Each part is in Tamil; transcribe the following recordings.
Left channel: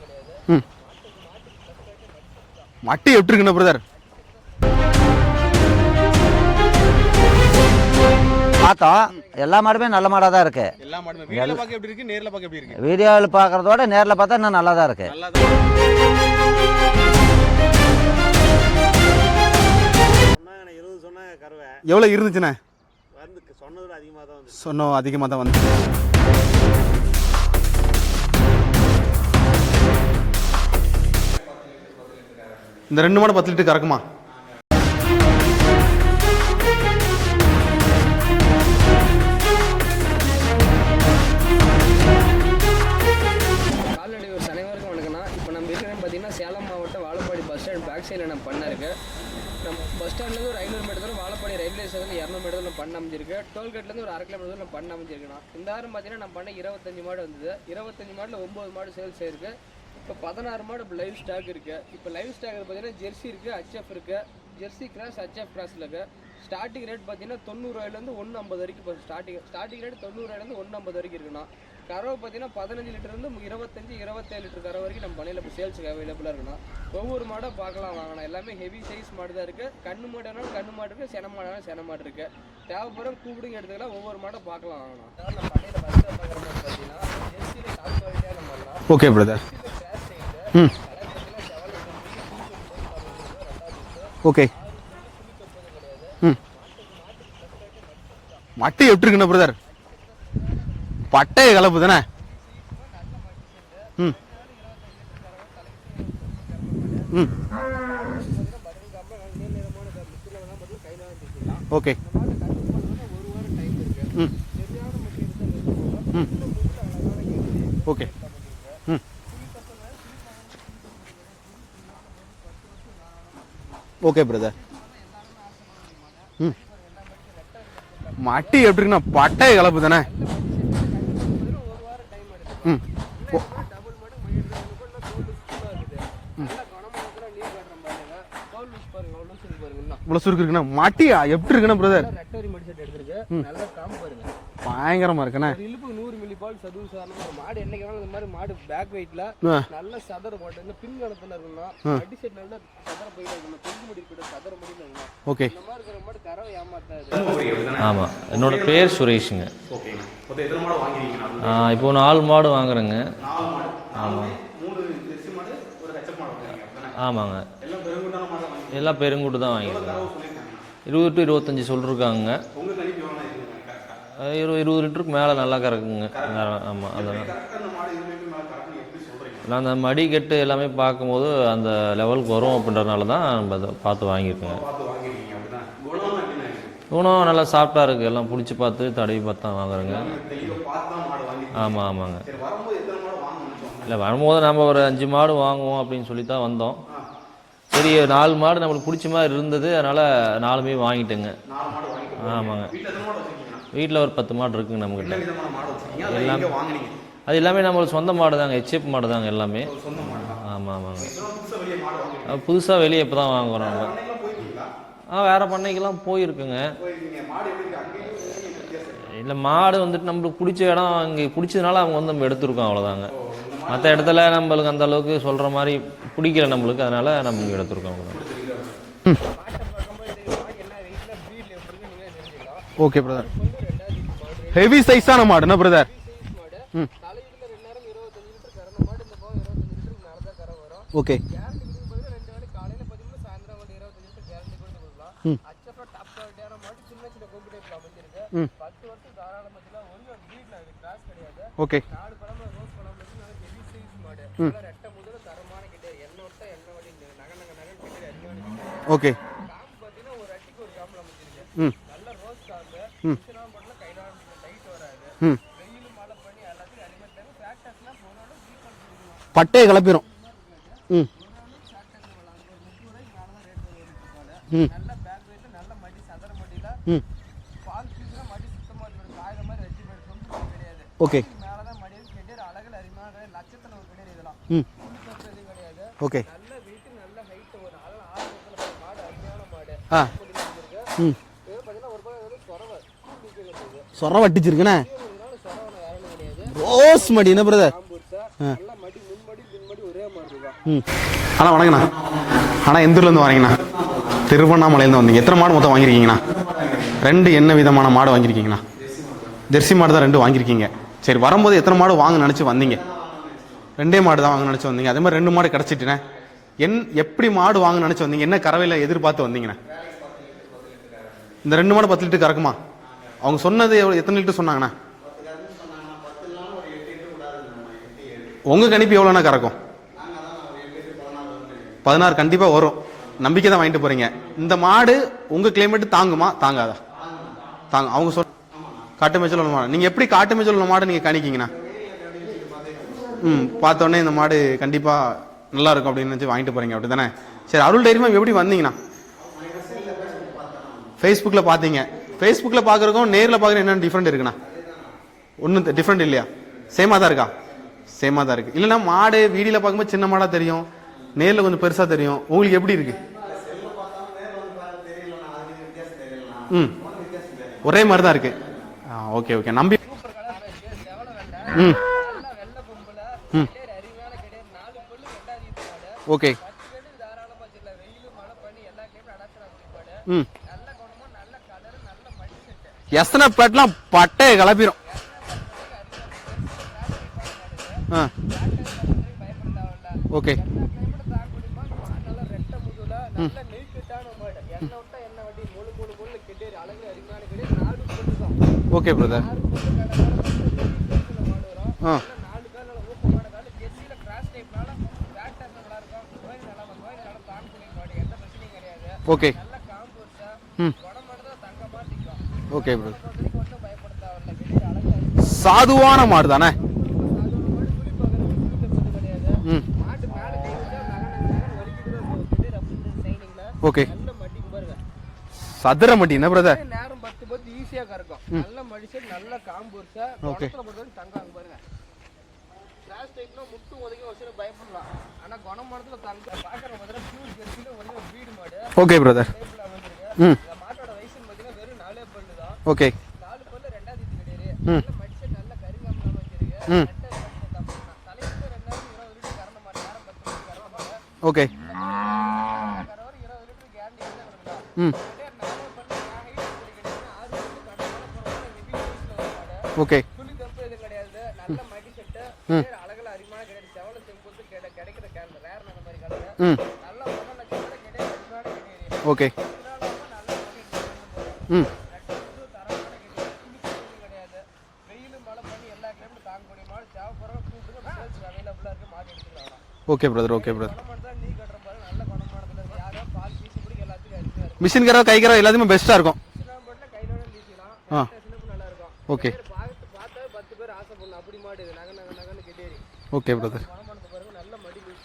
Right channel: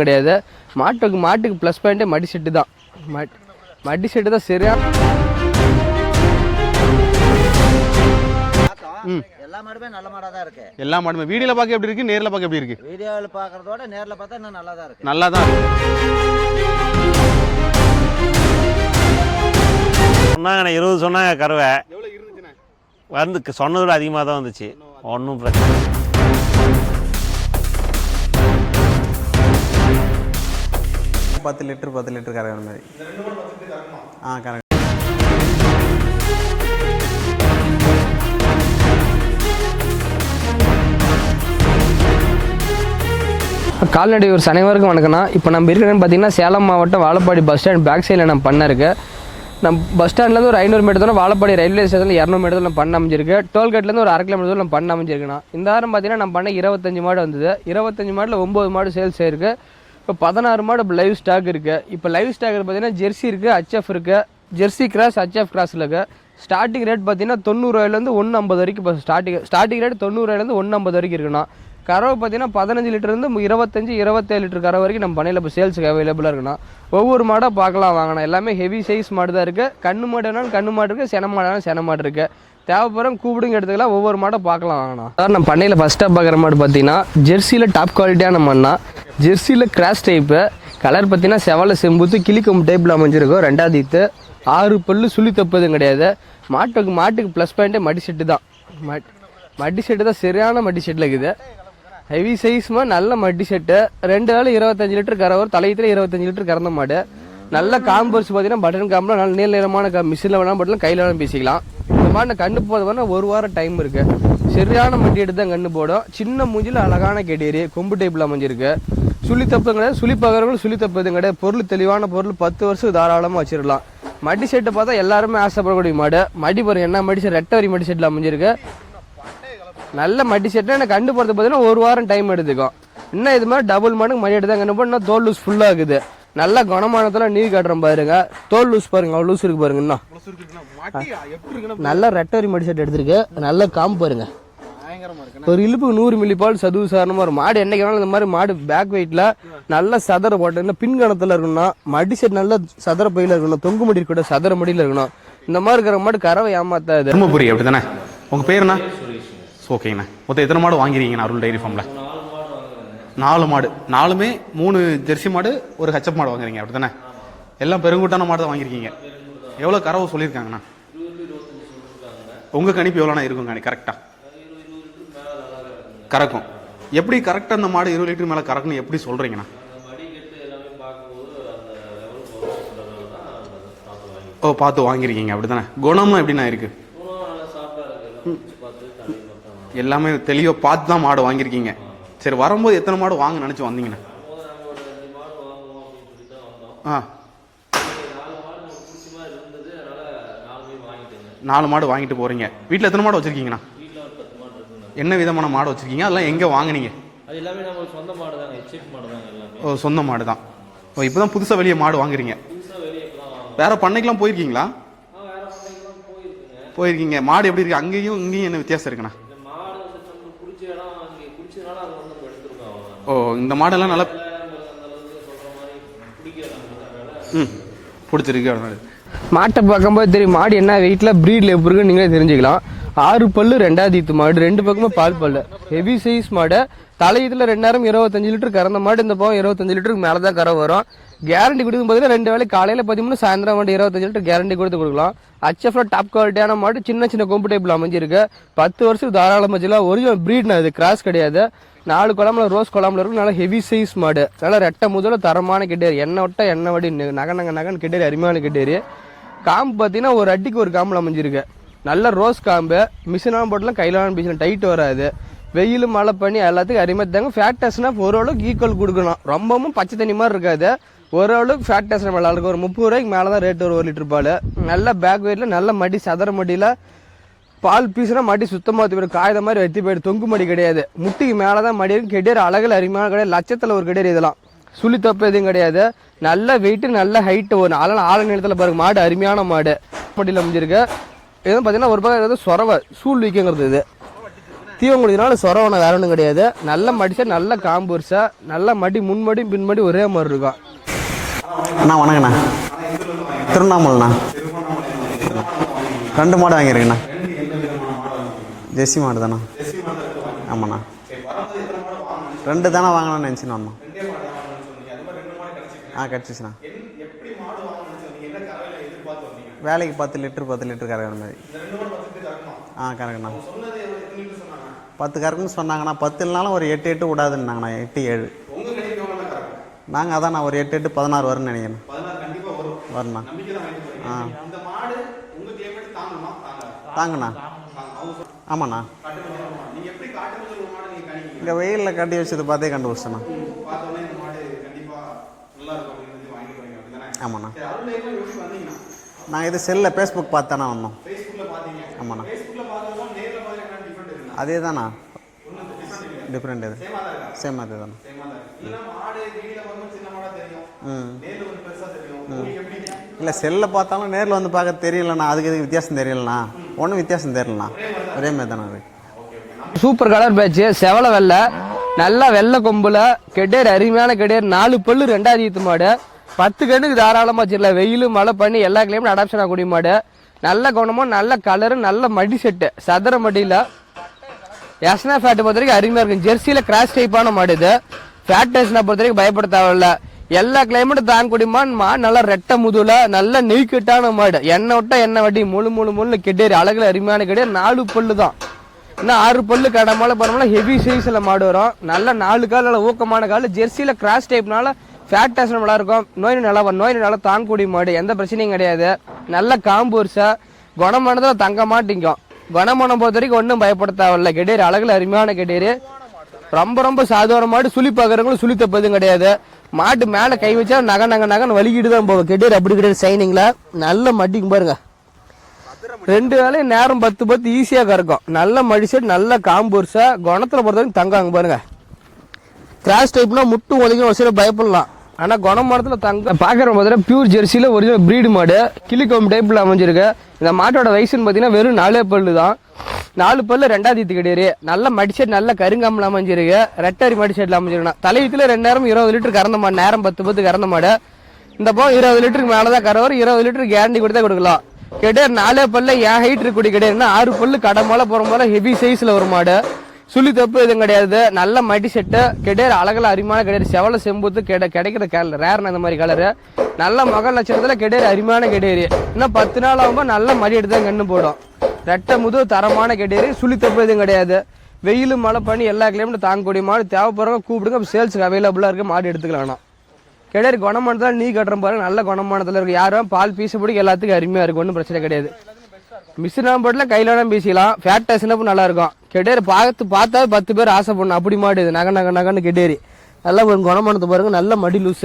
எதுவும் கிடையாது. மாட்டுக்கு ப்ளஸ் பாயிண்டே மடி செட்டு தான். மட்டி எப்படி இருக்குண்ணா பிரதர்? மடி செட்டு தான் சரியா. பார்த்தோம் எல்லா மாடுமே நல்ல மாடா தான் இருக்கு. எல்லா மாடுமே வீடியோல பார்க்க எப்படி இருக்கு, நேர்ல பார்க்க எப்படி இருக்கு? வீடியோவில் பார்க்கறதோட நேரில் பார்த்தா இன்னும் நல்லா தான் இருக்கு. நல்லா தான் சொன்னாங்க 20 சொன்னாங்க கறவை. எவ்வளவு இருந்துச்சுண்ணே? வந்து சொன்னதோட அதிகமாக தான் வந்துச்சு. சொன்னோம் அதிகமாக தான் வந்துச்சு. 10 லிட்டர் கறக்கிற மாதிரி. இந்த 2 மாடு 10 லிட்டர் கறக்குமா? கரெக்ட். கால்நடை ஒரு அனைவருக்கும் வணக்கம்ண்ணா. இப்போ நம்ம இருக்கிறேன்னு பார்த்தீங்கன்னா சேலம் மாவட்டம் வாழப்பாடி பஸ் ஸ்டாண்ட் பேக் சைடில் நம்ம பண்ண இருக்கு. நம்ம பஸ் ஸ்டாண்ட்லேருந்து ஒரு 500 மீட்டர் தூரம், வாழப்பாடி ரயில்வே ஸ்டேஷனில் 200 மீட்டர் நம்ம பண்ண அமைஞ்சிருக்கு. டோல்கேட்லேருந்து ஒரு 1/2 கிலோமீட்டர் தூரம் நம்ம பண்ண அமைஞ்சிருக்குண்ணா. இந்த வாரம் பார்த்தீங்கன்னா நம்ம பண்ண 25 மாடு வந்தது. 25 மாடில் 9 மாடு சேல்ஸ் ஆயிருக்கு. இப்போ 16 மாடு இப்போ லைவ் ஸ்டாக் இருக்குது. இப்போ லைவ் ஸ்டாக் பார்த்தீங்கன்னா ஜெர்சி இருக்குது, ஹச்எஃப் இருக்குது. ஜெர்சி கிராஸ் ஹச்எஃப் கிராஸில் இருக்குது. ஸ்டார்டிங் ரேட் பார்த்தீங்கன்னா 90 ரூபாயிலேருந்து 150 வரைக்கும். இப்போ ஸ்டார்டிங் ரேட் 90 ரூபாயிலேருந்து 150 வரைக்கும் இருக்குண்ணா. கறவை பார்த்தீங்கன்னா 15 லிட்டர்லேருந்து 25-27 லிட்டர் கறவை வரைக்கும் நம்ம பண்ணையில் இப்போ சேல்ஸுக்கு அவைலபிளாக இருக்குண்ணா. ஒவ்வொரு மாடாக பார்க்கலாம் வாங்கண்ணா. எல்லாமே ஹெவி சைஸ் மாடு தான் இருக்குது. கண்ணு மாடு வேணாலும் கண்ணு மாடு இருக்குது, சென மாடு சென மாடு இருக்குது. தேவைப்படுற கூப்பிடுங்க எடுத்துக்கலாம். ஒவ்வொரு மாடை பார்க்கலாம் வாங்கண்ணா. சார் நம்ம பண்ணையில் ஃபஸ்ட்டாக பார்க்குற மாடு பார்த்தீங்கன்னா ஜெர்சியில் டாப் குவாலிட்டியான மண்ணா. ஓகே. ஜெர்சியில் கிராஸ் டைப்பு. கலர் பார்த்தீங்கன்னா செவல செம்புத்து கிளிக்கும் டைப்பில் அமைஞ்சிருக்கும். 2வது ஈத்து. ஓகே. 6 பல்லு சுழி தப்பதும் கிடையாது. மாட்டுக்கு ப்ளஸ் பாயிண்டே மடி செட்டு தான். மட்டி எப்படி இருக்குண்ணா பிரதர்? மடி செட்டு தான் சரியான மடி செட்டில் இருக்குது. மட்டை கலப்பு தானே? ஹெவி சைஸ்மா நல்ல மடி செட்டு. 2 வேளை 25 லிட்டர் கறவை. தலையத்துல 25 லிட்டர் கறந்த மாடு. நல்ல காம்பர்ஸ் பார்த்தீங்கன்னா பட்டன் காம்பில் நல்ல நீல நிறமான மிஷினில் வேணாலும் பட்டலாம், கையில் வேணாலும் பேசிக்கலாம். ஓகே. இந்த மாதிரி கண்டு போதுன்னா 1 வாரம் டைம் இருக்கு. சரியான மட்டி எடுத்து தான் கண்ணு போடும். சின்ன மூஞ்சில அழகான கேடேரி கொம்பு டைப்ல அமைஞ்சிருக்கு. சுழி தப்பு கிடையாது, சுழி பார்க்கறவங்களும் சுழி தப்பு எதுவும் கிடையாது. பொருள் தெளிவான பொருள் 10 வருஷம் தாராளமா வச்சிடலாம். ஓகே. மடி செட்டை பார்த்தா எல்லாருமே ஆசைப்படக்கூடிய மாடு. மடி பாருங்க என்ன மடி செட், ரெட்டவரி மடி செட்ல அமைஞ்சிருக்கு. மட்டி எப்படி இருக்குண்ணா? பட்டை கலப்பு தானே? நல்ல மடி செட்டு. எனக்கு கண்டு போறது பார்த்தீங்கன்னா 1 வாரம் டைம் எடுத்துக்கும். இன்னும் இது மாதிரி டபுள் மாடுக்கு மடி எடுத்து தான் கண்டு போனா தோல் லூஸ் ஃபுல்லா இருக்குது. நல்ல குணமானத்துல நீர் காட்டுறோம் பாருங்க. தோல் லூஸ் பாருங்க, அவ்வளவு லூஸ் இருக்கு பாருங்க. இன்னும் இவ்வளவு சுருக்கு இருக்குண்ணா. மட்டியா எப்படி இருக்குண்ணா? நல்ல ரெட்டவரி மடி செட் எடுத்திருக்கு. நல்ல காம்பு பாருங்க, பயங்கரமா இருக்குண்ணா. ஒரு இழுப்பு 100 மில்லி பால் சதுவு சாரணமா ஒரு மாடு. என்னைக்கு வேணாலும் இந்த மாதிரி மாடு பேக் வெயிட்ல நல்ல சதர போட்டு பின்கணத்துல இருக்கணும். மடி செட் நல்ல சதர பையில இருக்கணும். தொங்கு மடி கூட சதர மடியில இருக்கணும். இந்த மாதிரி இருக்கிற மாடு கறவை ஏமாத்தாது. தர்மபுரி அப்படிதானே? ஆமா. உங்க பேர் என்ன? சுரேஷுங்க. ஓகேங்கண்ணா. மொத்தம் எத்தனை மாடு வாங்கிருக்கீங்க அருள் டைரி? இப்போ 4 மாடு வாங்குறேங்க. 4 மாடு. 4மே 3 ஜெர்சி மாடு, ஒரு ஹெச்எப் மாடு வாங்குறீங்க அப்படிதானே? ஆமாங்க. எல்லாம் பெருங்கூட்டான மாடு தான் வாங்கிருக்கீங்க? எல்லாம் பெருங்கூட்டு தான். எவ்வளவு கறவை சொல்லிருக்காங்கண்ணா? 20 to 25 சொல்லிருக்காங்க. உங்க கணிப்பு எவ்வளோண்ணா இருக்கும் கரெக்டா? 20 லிட்டருக்கு மேல நல்லா கறக்குங்க. கறக்கும். ஆமா. எப்படி கரெக்டா அந்த மாடு 20 லிட்டர் மேல கறக்குன்னு எப்படி சொல்றீங்கண்ணா? நான் அந்த மடி கட்டு எல்லாமே பார்க்கும்போது அந்த லெவலுக்கு வரும் அப்படின்றதுனால தான் நம்ம அதை பார்த்து வாங்கிருக்கோம். பார்த்து வாங்கிருக்கீங்க அப்படிதானே? குணமும் எப்படிண்ணா இருக்கு? குணம் நல்லா சாஃப்டா இருக்கு. எல்லாம் பிடிச்சி பார்த்து தடவி பார்த்து தான் வாங்க. எல்லாமே தெளிவா பார்த்து தான் மாடு வாங்கிருக்கீங்க. ஆமா ஆமாங்க. சரி, வரும்போது எத்தனை மாடு வாங்க நினைச்சு வந்தீங்களா? வரும்போது நம்ம ஒரு 5 மாடு வாங்குவோம் அப்படின்னு சொல்லி தான் வந்தோம். சரி, 4 மாடு நம்மளுக்கு பிடிச்ச மாதிரி இருந்தது, அதனால 4மே வாங்கிட்டேங்க. 4 மாடு வாங்கிட்டு போறீங்க. வீட்டுல எத்தனை மாடு வச்சிருக்கீங்கண்ணா? வீட்டுல ஒரு 10 மாடு இருக்குங்க. நமக்கு என்ன விதமான மாடு வச்சிருக்கீங்க? அதெல்லாம் எங்க வாங்குனீங்க? அது எல்லாமே நம்மளுக்கு சொந்த மாடு தாங்க. ஹெச்எப் மாடு தாங்க எல்லாமே. சொந்த மாடு தான். ஆமா ஆமா. இப்பதான் புதுசா வெளியே மாடு வாங்குறீங்க? புதுசா வெளியே இப்பதான் வாங்குறோம். வேற பண்ணைக்கெல்லாம் போயிருக்கீங்களா? வேற பண்ணைக்கெல்லாம் போயிருக்கீங்க. மாடு எப்படி இருக்கு? அங்கேயும் இங்கேயும் என்ன வித்தியாசம் இருக்குண்ணா? இல்ல, மாடு வந்துட்டு நம்மளுக்கு பிடிச்ச இடம் இங்க பிடிச்சதுனால அவங்க வந்து நம்ம எடுத்துருக்கோம், அவ்வளவுதாங்க. இந்த மாடெல்லாம் இடத்துல நம்மளுக்கு அந்த அளவுக்கு சொல்ற மாதிரி பிடிக்கல நம்மளுக்கு, அதனால நம்ம எடுத்துருக்கோம். பிடிச்சிருக்கு. மாட்டை பார்க்கும்போது தெரியும் மாடு என்ன வெயிட்ல பிரீட்ல எப்படி இருக்குன்னு நீங்களே தெரிஞ்சுக்கலாம். 6 பல்லு 2வது ஈத்து மாடு. 2 ஹெவி சைஸ் மாடு. தலையத்துல 25 லிட்டர் கறந்த மாடு. இந்த பக்கம் 25 லிட்டருக்கு மேலதான் கறவை வரும். கேரண்டி கொடுக்கும் போது 2 வேளை காலையில 13 சாயந்தரம் 25 லிட்டர் கேரண்டி கொடுத்து கொடுக்கலாம். ஹச்எஃப்ல டாப் குவாலிட்டியான மாடு. சின்ன சின்ன கொம்பு டைப்ல அமைஞ்சிருக்கு. 10 வருஷம் தாராளமா வச்சுக்கலாம். ஒரிஜினல் பிரீட் இது, கிராஸ் கிடையாது. 4 குழம்புல ரோஸ் குழம்புல இருக்கும். நல்ல ஹெவி சைஸ் மாடு. நல்ல ரெட்டை முதல்ல தரமான கிட்டேரி. எண்ணெய் விட்ட எண்ணெய் வடி நகன் கிட்டேரி, அருமையான கிட்டேரி. காம்பு பாத்தீங்கன்னா ஒரு அடிக்கு ஒரு காம்புல அமைஞ்சிருக்கு. நல்ல ரோஸ் காம்பு. மிஷினாலும் போட்டலாம், கையிலான மிஷின் டைட் வராது. வெயில் மழை பண்ணி எல்லாத்துக்கும் அருமைத்தாங்க. ஃபேட்டஸ்னா ஓரளவுக்கு ஈக்குவல் கொடுக்கணும். ரொம்ப தண்ணி மாதிரி இருக்காது. ஓரளவுக்கு ஃபேட்டஸ் நல்லா இருக்கும். ஒரு 30 ரூபாய்க்கு மேலதான் ரேட் ஒரு 1 லிட்டர் பால். நல்ல பேக் வெயிட்ல நல்ல மடி, சதர மடியில பால் பீஸ்னா மடி சுத்தமா காய்த மாதிரி வெத்தி போயிடு. தொங்கு மடி கிடையாது. முட்டிக்கு மேலதான் மடி இருக்கு. கெடியர் அழகுல அருமையான கிடையாது. லட்சத்துல ஒரு கெடியர். இதெல்லாம் சுழி தப்பு எதுவும் கிடையாது. நல்ல வெயிட், நல்ல ஹைட். ஒரு ஆள நீளத்துல பாருங்க. மாடு அருமையான மாடு. மடியில முடிஞ்சிருக்கு. இது பாத்தீங்கன்னா ஒரு பக்கம் வந்து சொரவை சூழ் வைக்கங்கிறது இது சொர வட்டிச்சிருக்குண்ணே. தீவம் குடினால சொரவனை வேற ஒன்றும் கிடையாது. நல்ல மடி, மடி என்ன brother? காம்பூர்ஸா நல்ல மடி முன்மடி பின்மடி ஒரே மாதிரி இருக்கும். அண்ணா வணங்கண்ணா. வணங்கண்ணா. அண்ணா எந்த ஊர்லேருந்து வரீங்கண்ணா? திருவண்ணாமலைண்ணா. திருவண்ணாமலையிலேருந்து வந்தீங்க. எத்தனை மாடு மொத்தம் வாங்கிருக்கீங்கண்ணா? 2 மாடு வாங்கியிருக்கேண்ணா. 2 என்ன விதமான மாடு வாங்கிருக்கீங்கண்ணா? ஜெர்சி மாடு தானே. ஜெர்சி மாடு தான் 2 வாங்கிருக்கீங்க. சரி, வரும்போது எத்தனை மாடு வாங்க நினைச்சு 2 வந்தீங்க? தானே வாங்கணும்னு நினச்சின்னு வந்தோம். 2 மாடு தான் வாங்க நினைச்சு வந்தீங்க. அதே மாதிரி 2 மாடு கிடைச்சிட்டுண்ணே. கிடச்சிச்சுண்ணா. எப்படி மாடு வாங்க நினைச்சு வந்தீங்க? என்ன கறவையில எதிர்பார்த்து வந்தீங்கண்ணா? வேலைக்கு 10 லிட்டர் கறக்கிற மாதிரி. இந்த 2 மாடு 10 லிட்டர் கறக்குமா? கறக்கணும். அவங்க சொன்னது எத்தனை லிட்டர் சொன்னாங்கண்ணா? 10 கறக்குன்னு சொன்னாங்கண்ணா. 10 இல்லைனாலும் ஒரு 8 விடாதுன்னாங்கண்ணா. 8 7. உங்க கணிப்பு எவ்வளோண்ணா கறக்கும்? நாங்கள் அதான் நான் ஒரு 8 16 வரும்னு நினைக்கிறேன். 16 கண்டிப்பா வரும். நம்பிக்கை தான் வாங்கிட்டு போறீங்க. இந்த மாடு உங்க கிளைமேட் தாங்குமா தாங்காதா? தாங்கண்ணா. தாங்க. அவங்க சொல் ஆமாண்ணா. காட்டு மேய்ச்சல் உள்ள மாடு. நீங்க எப்படி காட்டு மேய்ச்சல் உள்ள மாடு நீங்க கணிக்கீங்கண்ணா? இங்கே வெயிலில் கட்டி வச்சது பார்த்தே கண்டுபிடிச்சேண்ணா. பார்த்தோன்னே இந்த மாடு கண்டிப்பா நல்லா இருக்கும் அப்படின்னு நினைச்சு வாங்கிட்டு போறீங்க அப்படிதானே? ஆமாண்ணா. சரி, அருள் டைரிமா எப்படி வந்தீங்கண்ணா? நாங்கள் இது செல்லில் ஃபேஸ்புக் பார்த்தானே வந்தோம். ஃபேஸ்புக்ல பாத்தீங்க. ஃபேஸ்புக்ல பாக்குறதுக்கும் நேர்ல பாக்குற என்ன டிஃபரெண்ட் இருக்குண்ணா? அதே தானா? ஒன்றும் டிஃபரெண்ட் இல்லையா? டிஃப்ரெண்ட். சேமா தான் இருக்கா? சேமா தான் இருக்கு. இல்லைன்னா மாடு வீடியோல பார்க்கும்போது சின்ன மாடா தெரியும், நேர்ல கொஞ்சம் பெருசா தெரியும். உங்களுக்கு எப்படி இருக்கு? இல்லை செல்லில் பார்த்தாலும் நேரில் வந்து பார்க்க தெரியலண்ணா. அதுக்கு எதுக்கு வித்தியாசம் தெரியலண்ணா? ஒன்றும் வித்தியாசம் தெரியலண்ணா. ஒரே மாதிரி தான் இருக்கு. ஒரே மாதிரி தானே. Okay okay. நம்பி சூப்பர் கலர் பேட்ச் செவல வெள்ளை நல்லா வெள்ளை கொம்புல கெடேர் அருமையான கெடேர் 4 பல்லு 2வது ஈத்து மாடு. ஓகே. 10 கண்ணுக்கு தாராளமா வச்சிடலாம். வெயில் மழை பண்ணி எல்லா கிளைமேட் அடாப்ஷன் ஆகக்கூடிய மாடு. நல்ல குணமும் நல்ல கலரு நல்ல மடி செட்டு சதுர பட்டையை கலப்பிரும். எஸ்னா ஃபேட் பொறுத்த வரைக்கும் அருமையா இருக்கும். ஜெர்சியில கிராஸ் டைப்பான மாடு இது. ஃபேட் டெஸ்ட்னா பொறுத்த வரைக்கும் பயப்பட தேவையில்ல. எல்லா கிளைமேட்டும் தாங்கக்கூடிய மாடு நல்லா ரெட்டை முதுல நல்ல நெய்கட்டான மாடு. எண்ணெய் விட்டா எண்ணெய் வட்டி முழு கெடேரி அழகுல அருமையான கெடேரி 4 பல்லு தான். ஓகே. 6 பல்லு கடமால பரவாயில்ல. ஹெவி சைஸ்ல மாடு வரும். நல்ல 4 கால் நல்ல ஊக்கமான கால். ஜெர்சியில கிராஸ் டைப்னால ஃபேட் டெஸ்ட் நல்லா இருக்கும். நோய் நல்லா தாங்கக்கூடிய மாடு. எந்த பிரச்சனையும் கிடையாது. நல்ல காம்பூர்ஸா குணமானதுல தங்க மாட்டிங்கும். குணமானம் பொறுத்த வரைக்கும் ஒன்னும் பயப்பட தேவையில்ல. கெடேரி அழகுல அருமையான சாதுவான மாடு தானே. ரொம்ப சாதுவான மாடு. சுழி பாக்குறவங்களும் சுழி தப்பதும் கிடையாது. மாட்டு மேல கை வச்சா நகன்னு வலிக்கிட்டு தான் போகும். கெடேரி அப்படி கிடையாது. சைனிங்ல நல்ல மட்டிக்கும் பாருங்க. சதுர மடி நேரம் 10 ஈஸியா கறக்கும். நல்ல மடி செட் நல்ல காம்பூர்ஸா குணத்துல பொறுத்த வரைக்கும் தங்காங்க பாருங்க. கிராஸ் டைப்னா முட்டு ஒதுக்கி ஒரு சில பயப்படலாம். ஆனா குணமானத்துல தங்க பாக்குற போதுல பியூர் ஜெர்சியில ஒரிஜினல் பிரீடு மாடு. டைப்ல அமைஞ்சிருக்கு. இந்த மாட்டோட வயசுன்னு பாத்தீங்கன்னா வெறும் 4 பல்லு தான். 4 பல்லு 2வது ஈத்து கிடையாது. நல்ல மடிசெட் நல்ல கருங்காமல அமைஞ்சிருக்கு. ரெட்டரி மடிசெட்ல அமைஞ்சிருக்கா. தலையத்துல 2 நேரம் 20 லிட்டர் கறந்த மாடு. நேரம் 10 கறந்த மாடு. இந்த போ 20 லிட்டருக்கு மேலதான் கறவர். 20 லிட்டர் கேரண்டி கொடுத்தா கொடுக்கலாம். கிடையாது 4 பல்ல ஏன் ஹைட் இருக்கக்கூடிய கிடையாது. 6 பல்லு கடமால போற போல ஹெவி சைஸ்ல ஒரு மாடு. சுழி தப்பு எதுவும் கிடையாது. நல்ல மடி செட்டு கிடையாது. அழகுல அருமையான கிடையாது. செவல செம்புத்து கிடைக்கிற ரேர் அந்த மாதிரி கலரு. நல்ல மகள் லட்சணத்துல கெடேரி அருமையான கெடேரி. 10 நாள் ஆகும்போது நல்ல மடி எடுத்து கண்ணு போடும். ரெட்டை முது தரமான கெடேரி. சுழி தப்பு எதுவும் கிடையாது. வெயில் மழை பண்ணி எல்லா கிளைமேட்டும் தாங்கக்கூடிய மாடு. தேவைப்படுறவங்க கூப்பிடுங்க. சேல்ஸுக்கு அவைலபிளா இருக்கு. மாடு எடுத்துக்கலாம். Okay brother. கெடேரி குணமானதால நீ கட்டுற பாருங்க. நல்ல குணமானதுல இருக்கு. யாரும் பால் பீச பிடிக்க எல்லாத்துக்கும் அருமையா இருக்கும். மிஷின் கறவை கை கறவை எல்லாத்தையுமே பெஸ்டா இருக்கும். மிஷின் போட்டுல கையில வேணா பேசிக்கலாம். ஃபேட் டெஸ்ட் நல்லா இருக்கும். கெடேரி பார்த்தா 10 பேர் ஆசைப்படணும். அப்படி மாடு இது. நகன்னு கெடேரி நல்ல குணமானது பாருங்க. நல்ல மடி லூஸ்.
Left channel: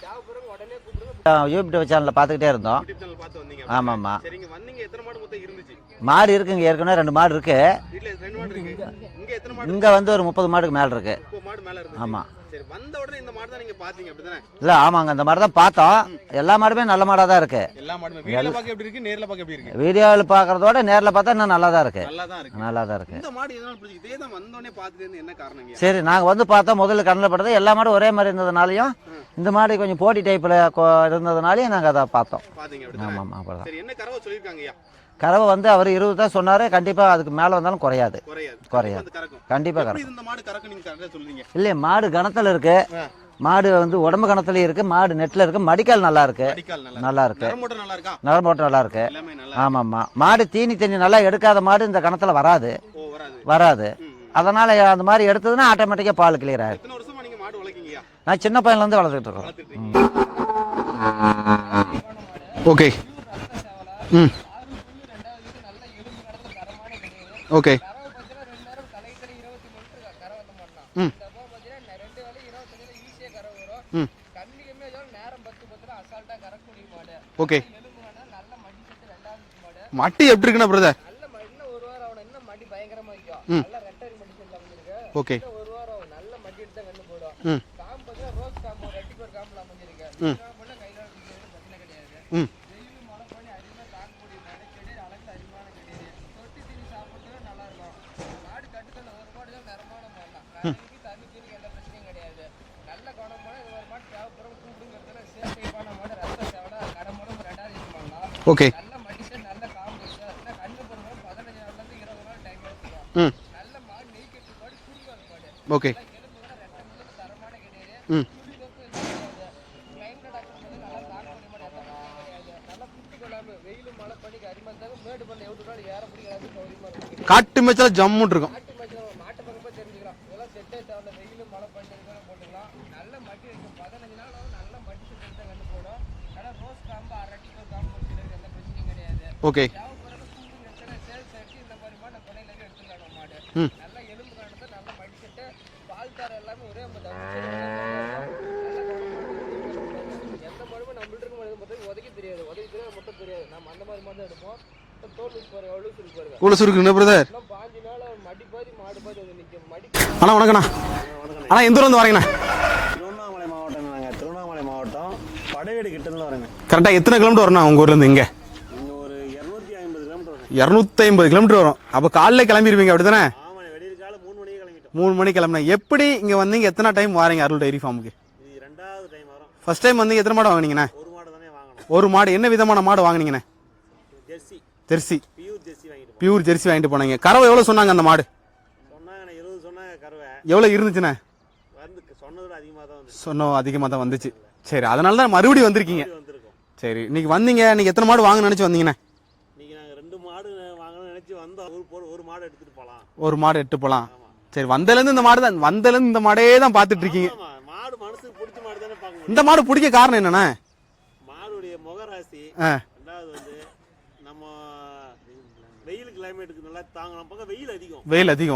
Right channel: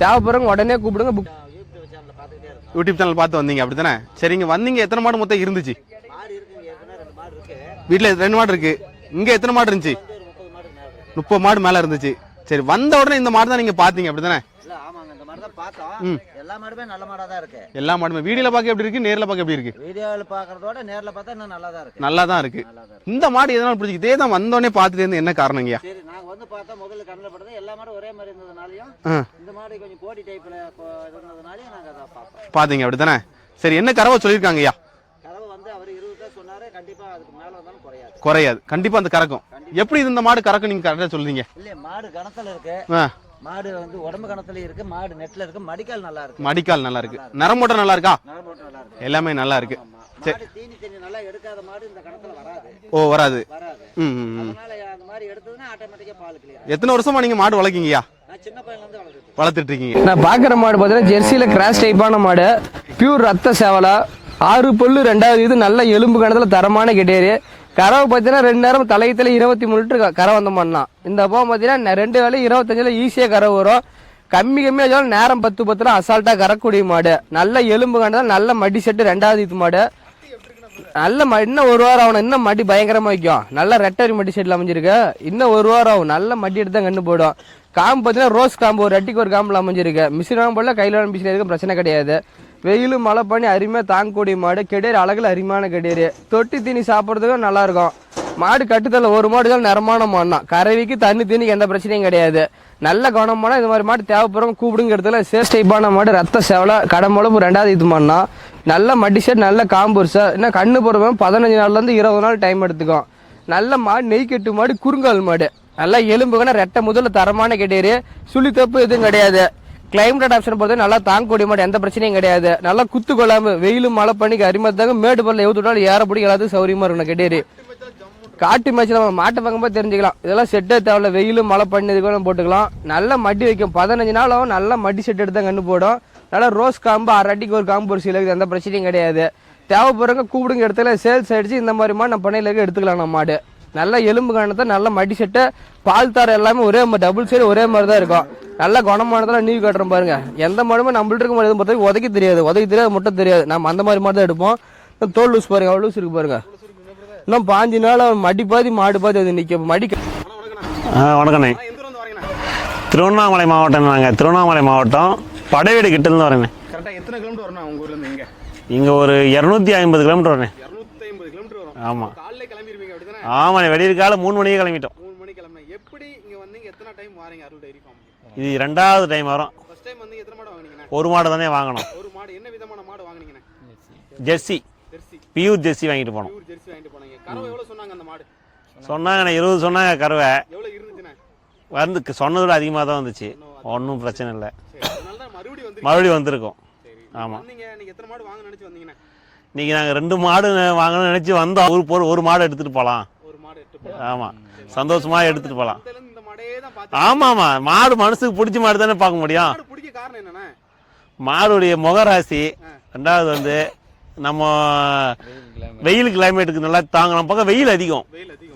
தேவைப்படுறவங்க உடனே கூப்பிடுங்க. யூடியூப் சேனல்ல பாத்துக்கிட்டே இருந்தோம். யூடியூப் சேனல் பார்த்து வந்தீங்க அப்படிதானே? சரிங்க. வந்தீங்க. எத்தனை மாடு மொத்தம் இருந்துச்சு? மாடு இருக்குங்க. ஏற்கனவே 2 மாடு இருக்கு. வீட்டுல 2 மாடு இருக்கு. இங்க எத்தனை மாடு இருந்துச்சு? வந்து ஒரு 30 மாடுக்கு மேல இருக்கு. 30 மாடு மேல இருந்துச்சு. சரி, வந்த உடனே இந்த மாடு தான் நீங்க பாத்தீங்க அப்படிதானே? இல்ல ஆமாங்க, அந்த மாடு தான் பார்த்தோம். எல்லா மாடுமே நல்ல மாடா தான் இருக்கு. எல்லா மாடுமே வீடியோல பாக்க எப்படி இருக்கு, நேர்ல பாக்க எப்படி இருக்கு? வீடியோல பாக்குறதோட நேர்ல பார்த்தா இன்னும் நல்லா தான் இருக்கு. நல்லா தான் இருக்கு. இந்த மாடு எதனால பிடிச்சி? இதே தான் வந்த உடனே பாத்துட்டு இருந்து என்ன காரணங்க? சரி, நாங்க வந்து பார்த்தா முதல்ல கண்ணில் பட்டது எல்லா மாடும் ஒரே மாதிரி இருந்ததுனாலயும் இந்த மாடு கொஞ்சம் போட்டி டைப்ல இருந்ததுனாலயும் நாங்க அதை பார்த்தோம். பாத்தீங்க அப்படித்தானே? சரி, என்ன கறவை சொல்லிருக்காங்கய்யா? கறவை வந்து அவர் 20 தான் சொன்னாரு. கண்டிப்பா அதுக்கு மேல வந்தாலும் குறையாது. கண்டிப்பா அந்த கறக்கும். கண்டிப்பா. எப்படி இந்த மாடு கறக்கும் நீங்க கரெக்டா சொல்றீங்க? இல்ல, மாடு கணத்துல இருக்கு. மாடு வந்து உடம்பு கணத்துலயும் இருக்கு. மாடு நெட்ல இருக்கு. மடிக்கால் நல்லா இருக்கு. மடிக்கால் நல்லா இருக்கு. நரம்போட்டம் நல்லா இருக்கா? நரம்போட்டம் நல்லா இருக்கு. எல்லாமே நல்லா இருக்கு. ஆமா. மாடு தீனி தண்ணி நல்லா எடுக்காத மாடு இந்த கணத்துல வராது. வராது. அதனால அந்த மாதிரி எடுத்ததுன்னா ஆட்டோமேட்டிக்கா பால் கிளியர் ஆகும். எத்தனை வருஷமா நீங்க மாடு வளர்க்கீங்கயா? நான் சின்ன பையன்ல இருந்து வளர்த்துட்டு இருக்கீங்க. நான் பாக்குற மாடு பாத்தீங்கன்னா ஜெர்சியில கிராஸ் டைப்பான மாடு. பியூர் ரத்த சேவலா. 6 பல்லு 2வது இது நல்ல எலும்பு கணத்துல தரமான கெடேரி. கறவை பாத்தீங்கன்னா 2 நேரம் தலையத்துல 23 லிட்டர் கரை வந்த மாடலாம். இந்த போ பாத்தீங்கன்னா 2 வேலை 25ல ஈஸியா கறவை வரும். கம்மியா வச்சாலும் நேரம் 10 அசால்ட்டா கறக்கூடிய மாடு. நல்ல எலும்பு கண்டதா, நல்ல மடி செட்டு 2வது ஈத்து மாடு. மட்டி எப்படி இருக்குன்னா பிரதர்? நல்ல இன்னும் 1 வாரம் ஆகும், இன்னும் மடி பயங்கரமா வைக்கும். நல்ல ரெட்டரி மடி செட்ல அமைஞ்சிருக்கு. இன்னும் 1 வாரம் ஆகும், நல்ல மடி எடுத்து தான் கண்ணு போடும். காம்பு பாத்தீங்கன்னா ரோஸ் காம்பு, ஒரு அட்டிக்கு ஒரு காம்புல அமைஞ்சிருக்கு. மிஷின் போடல, கையில மிஷின் பிரச்சனை கிடையாது. வெயில் மழை பண்ணி அருமையா தாங்கக்கூடிய மாடு. கெடேரி அழகுல அருமையான கெடேரி. தொட்டி தீனி சாப்பிடுறதுக்கும் நல்லா இருக்கும். மாடு கட்டுதல்ல ஒரு மாடு தான் நிறமான மாடு தான். கறவைக்கு தண்ணி தீனிக்கு எந்த பிரச்சனையும் கிடையாது. நல்ல கவனமான இந்த மாதிரி மாடு தேவைப்படுறவங்க கூப்பிடுங்க. இடத்துல சேஸ் டைப்பான மாடு, ரத்த சேவலை, கடம்பளப்பு 2வது ஈத்து மாடுனா. நல்ல மடி செட், நல்ல காம்பு சார். என்ன கண்ணு போடுறவங்க 15 நாள்ல இருந்து 20 நாள் டைம் எடுத்துக்கும். நல்ல மாடு, நெய் கட்டு மாடு, குறுங்கால் மாடு. நல்லா எலும்புக்கான ரெட்டை முதல்ல தரமான கெடேரி. சுழி தப்பு எதுவும் கிடையாது. கிளைமேட் ஆப்ஷன் பொறுத்த நல்லா தாங்கக்கூடிய மாடு, எந்த பிரச்சனையும் கிடையாது. நல்லா குத்து கொள்ளாம வெயிலும் மழை பண்ணிக்கு அரிமத்தாங்க மேடு பல்ல எவ்வளவு ஏறப்படி எல்லாத்துக்கும் சௌரியமா இருக்கும். கெடேரி காட்டு மேட்ச்ல ஜம்மு இருக்கு. காட்டு மேட்ச்ல மாட்டை பார்க்கும்போது தெரிஞ்சுக்கலாம். இதெல்லாம் செட்டே தேவையில்ல, வெயிலும் மழை பண்ணதுக்கு போட்டுக்கலாம். நல்ல மடி வைக்கும். 15 நாள் ஆகும். நல்ல மடி செட் எடுத்து கண்ணு போடும். நல்லா ரோஸ் காம்பு, 6 அடிக்கு ஒரு காம்பு, ஒரு சில எந்த பிரச்சனையும் கிடையாது. தேவைப்படுறவங்க கூப்பிடுங்க. இடத்துல சேல்ஸ் ஆயிடுச்சு இந்த மாதிரி மாடு நம்ம பண்ணையில எடுத்துக்கலாம். நம்ம மாடு நல்ல எலும்பு காணத்தை, நல்ல மடி செட்டு, பால் தார எல்லாமே ஒரே மாதிரி, டபுள் சைடு ஒரே மாதிரி தான் இருக்கும். நல்ல குணமானதுல நீவி காட்டுறோம் பாருங்க. எந்த மாடுமே நம்மள்ட்ட இருக்க மாடு பொறுத்தவரைக்கும் உதைக்க தெரியாது மட்டும் தெரியாது. நம்ம அந்த மாதிரி மாடு தான் எடுப்போம். தோல் லூஸ் பாருங்க, அவ்வளவு லூஸ் இருக்கு பாருங்க. லூஸ் இருக்கு பிரதர். இன்னும் 5 நாள் மடி பாதி மாடு பாதி அது நிக்க மடி. அண்ணா வணக்கண்ணா. வணக்கண்ணே. எந்த ஊர்ல இருந்து வரீங்கண்ணா? திருவண்ணாமலை மாவட்டம். நாங்கள் திருவண்ணாமலை மாவட்டம் படைவீடு கிட்ட இருந்து வரேங்க. கரெக்டா எத்தனை கிலோமீட்டர் வரணும் உங்க ஊர்ல இருந்து? இங்க ஒரு 250 கிலோமீட்டர் வரேன். 250 கிலோமீட்டர் வரும். அப்ப காலைல கிளம்பிடுவீங்க அப்படித்தானே? ஆமா, வெளியே காலை 3 மணிக்கு கிளம்பிட்டோம். 3 மணிக்கு கிளம்பினா எப்படி இங்க வந்தீங்க? எத்தனை டைம் வாரீங்க அருள் டைரி ஃபார்முக்கு? இது 2வது டைம் வரும். ஃபர்ஸ்ட் டைம் வந்து எத்தனை மாடு வாங்குனீங்கண்ணா? ஒரு மாடு தானே வாங்கணும். ஒரு மாடு. என்ன விதமான மாடு வாங்குனீங்கண்ணா? ஜெர்சி. பியூர் ஜெர்சி வாங்கிட்டு போனோம். பியூர் ஜெர்சி வாங்கிட்டு போனீங்க. கறவை எவ்வளவு சொன்னாங்க அந்த மாடு? சொன்னாங்கண்ணே 20 சொன்னாங்க. கறவை எவ்வளவு இருந்துச்சுண்ணே? வந்து சொன்னதோட அதிகமாக தான் வந்துச்சு. அதிகமாக தான் வந்துச்சு. இல்ல சரி, அதனால தான் மறுபடியும் வந்திருக்கோம். சரி, நீங்க வந்தீங்க. நீங்க எத்தனை மாடு வாங்க நினைச்சு வந்தீங்கண்ணே? இன்னைக்கு நாங்க 2 மாடு வாங்கணும்னு நினைச்சு வந்தோம். ஒரு மாடு எடுத்துட்டு போலாம். ஒரு மாடு எடுத்து போலாம். ஆமா. சரி, வந்ததுல இருந்து இந்த மாடே தான் பாத்துட்டு. ஆமா, மாடு மனசுக்கு பிடிச்ச மாடு தானே பார்க்க முடியும். மாடு பிடிக்க காரணம் என்னன்னா, மாடுடைய முகராசி. 2வது வந்து நம்ம வெயில் கிளைமேட்டுக்கு நல்லா தாங்கும். நம்ம பக்கம் வெயில் அதிகம்.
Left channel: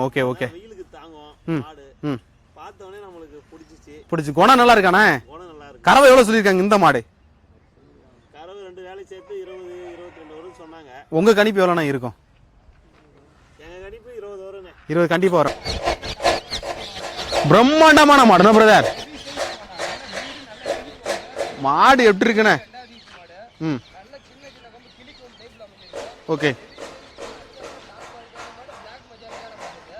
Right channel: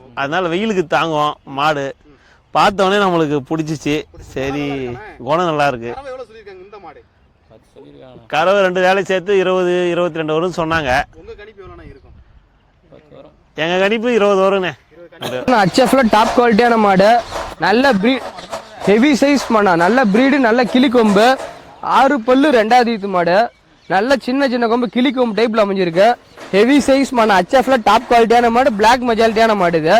ஓகே. அதனால வெயிலுக்கு தாங்கும் மாடு. பார்த்தவொடனே நம்மளுக்கு பிடிச்சிச்சு. குணம் நல்லா இருக்கானே? குணம் நல்லா இருக்கு. கறவை எவ்வளவு சொல்லிருக்காங்க இந்த மாடு? கறவை 2 வேலை சேர்த்து 20-22 வரும் சொன்னாங்க. உங்க கணிப்பு எவ்வளவுனா இருக்கும்? எங்க கணிப்பு 20 வரும்ண்ணே. 20 கண்டிப்பா வரும். HFல டாப் குவாலிட்டியான மாடு, பிரம்மாண்டமான மாடு பிரதர். ஹெவி சைஸ் மாடு, நல்ல பிரீடு, நல்ல கிளி கொம்பு மாடு. 2வது ஈத்து மாடு. நல்ல சின்ன கொம்பு கிளி கொம்பு டைப்ல அமைஞ்சிருக்கு. ஹெவி சைஸ் மாடு, HFல டாப் குவாலிட்டியான மாடு, பிளாக் மெஜாலிட்டியான மாடு. இது